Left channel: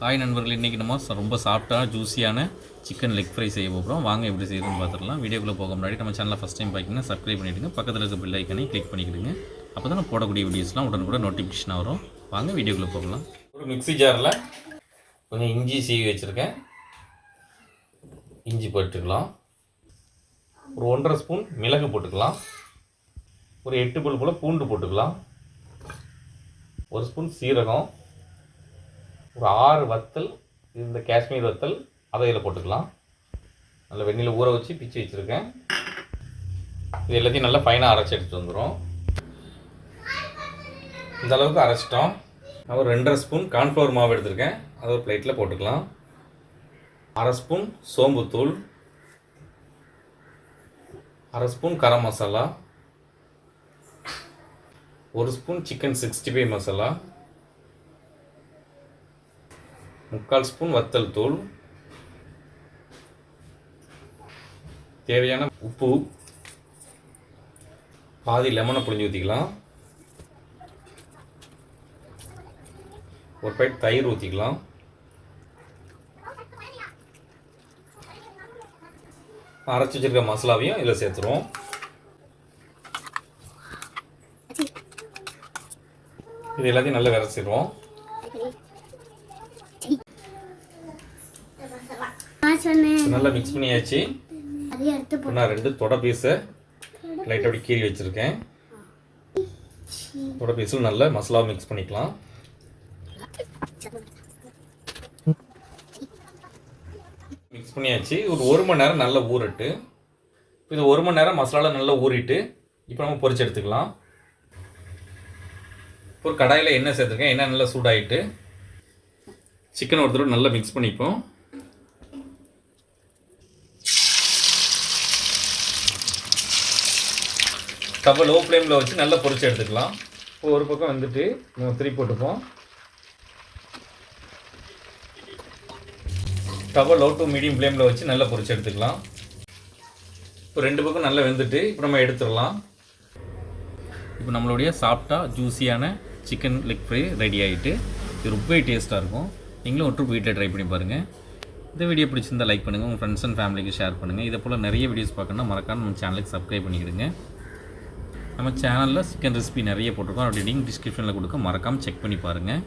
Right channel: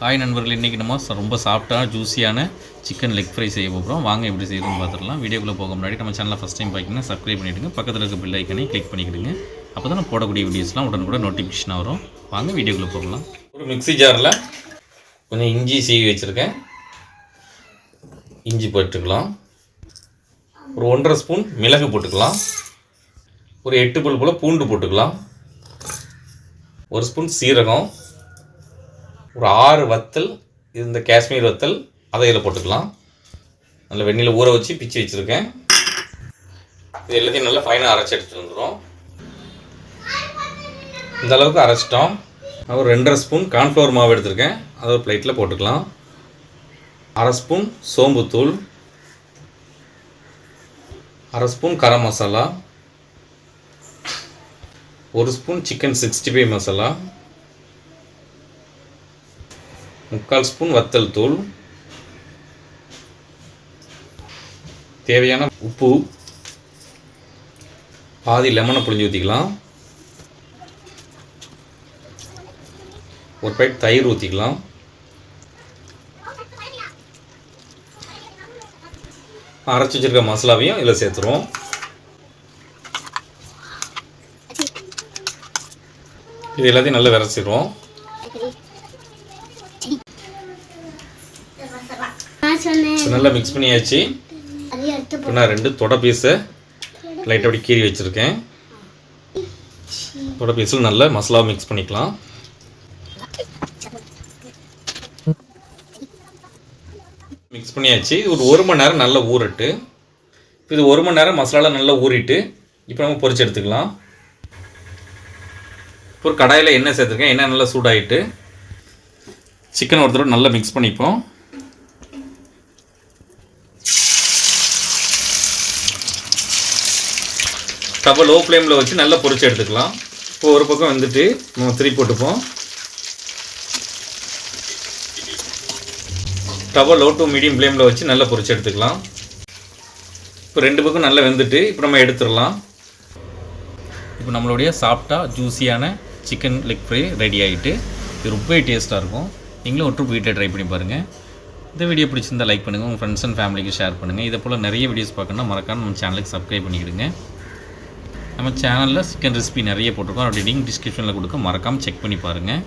Hi நண்பர்கள். இன்றைக்கி நம்ம ரொம்ப சாஃப்டான ஜூஸியான சிக்கன் லெக் ஃப்ரை செய்ய போகிறோம் வாங்க எப்படி செய்யணும்னு பார்த்துடலாம். வீடியோக்குள்ளே போக முன்னாடி நம்ம சேனலை ஃபஸ்ட் டைம் பார்த்தீங்கன்னா சப்ஸ்கிரைப் பண்ணிவிடுங்க பக்கத்தில் இருக்க பில் கிளிக் பண்ணிக்கிடுங்க. அப்போ தான் நம்ம போடக்கூடிய வீடியோஸ்லாம் உடனுக்குடன் நோட்டிஃபிகேஷன் வரும். வாங்க வீடியோக்குள்ளே போகலாம். ஒரு மிக்சி ஜாரில் கொஞ்சம் இஞ்சி சீவி வச்சுருக்கேன். இஞ்சி போட்டுக்கலாம். ஒரு ஒன்றரை ஸ்பூன் மிளகு போட்டுக்கலாம். ஒரு எட்டு பல் போல் பூண்டு போட்டுக்கலாம். ஒரு ஸ்பூன் சீரகம். ஒரு ஆறு வத்தல் இந்த காஷ்மீர் வத்தல் அதை இதில் போட்டுக்கலாம். நல்லா வெந்நில ஊற வச்சு பிச்சு வச்சுருக்கேன். இது எல்லாத்தையும் நல்லா ஃபைனாக அரைச்சி எடுத்துட்டு வந்துடும் இந்த அளவுக்கு அரைச்சிட்டோம். நான் ஒரு ரெண்டரை ஸ்பூன் கார்ன்ஃப்ளவர் மாவு எடுத்திருக்கேன். அதை ஒரு பிளேட்டில் போட்டுக்கலாம். அரை ஸ்பூன் சோம்புத்தூள் அரை ஸ்பூன் கரம் மசாலா. ஒரு spoon chicken sixty five masala. முக்கால் ஸ்பூன் வத்தல் தூள். தேவையான உப்பு. பாதி லெமனை புழிஞ்சு ஊற்றிக்கலாம் ஒரு பைட் தயிர் ஊற்றிக்கலாம் அரைச்சி வச்சிருக்க மசாலாவையும் இதில் சேர்த்துருவோம். இது எல்லாத்தையும் நல்லா விரைச்சிடுவோம் நான் சொன்னேன் இது நல்லா மிக்ஸ் பண்ணியாச்சு. இப்போ நான் ரெண்டு தொடை பீஸை லைட்டாக அப்படி கீறி வச்சுருக்கேன். தொடை பீஸில் நல்லா மசாலா மிக்ஸ் பண்ணிக்கலாம். மிக்ஸ் பண்ணியாச்சு. ஒரு ஒரு மணி நேரம் நல்லா ஊறட்டு. இப்போ இது ஒரு மணி நேரம் மசாலா நல்லா ஊறிட்டு இப்போ நம்ம பொரிச்சு எடுத்துக்கலாம். இப்போ ஒரு கடாயில் எண்ணெய் சேர்த்துருக்கேன். எண்ணெய் நல்லா சூடாயிட்டு சிக்கன் ஒரு தடவை நல்லா மிக்ஸ் பண்ணிப்போம். ஸ்டவ்வை லோ ஃப்ளேமில் வச்சு நல்லா பொறிச்சு எடுத்துக்கலாம். இப்போ ஒரு பக்கம் வந்துட்டு நம்ம திரி போட்டுப்போம். ஸ்டவ்வை லோ டு மீடியம் ஃப்ளேமில் வச்சு நல்லா பொறிச்சு எடுத்துக்கலாம். இப்போ ரெண்டு பக்கம் நல்லா வெந்துட்டு இப்போ நம்ம எடுத்துடலாம். இப்போ நம்மளுடைய சாஃப்டாக ஜூஸியான சிக்கன் லெக் ஃப்ரை ரெடி ஆகிட்டு இது ரொம்பவே டேஸ்ட்டாக இருக்கும். நீங்களும் ஒற்று வீட்டில் ட்ரை பண்ணி பாருங்கள் இந்த வீடியோ பிடிச்சிருந்தா லைக் பண்ணுங்கள் உங்கள் ஃப்ரெண்ட்ஸ் அண்ட் ஃபேமிலிக்கு ஷேர் பண்ணுங்கள் இதே போல் நிறைய வீடியோஸ் பார்க்கணுன்னா மறக்காம நம்ம சேனலுக்கு சப்ஸ்கிரைப் பண்ணிக்கிடுங்க. நம்ம சேனலில் சிக்கன் ரெசிபி நிறைய போட்டிருக்கோம். அப்படி லிங்க் டிஸ்கிரிப்ஷனில் கொடுக்க மறக்காமல் செக் பண்ணி பாருங்கள்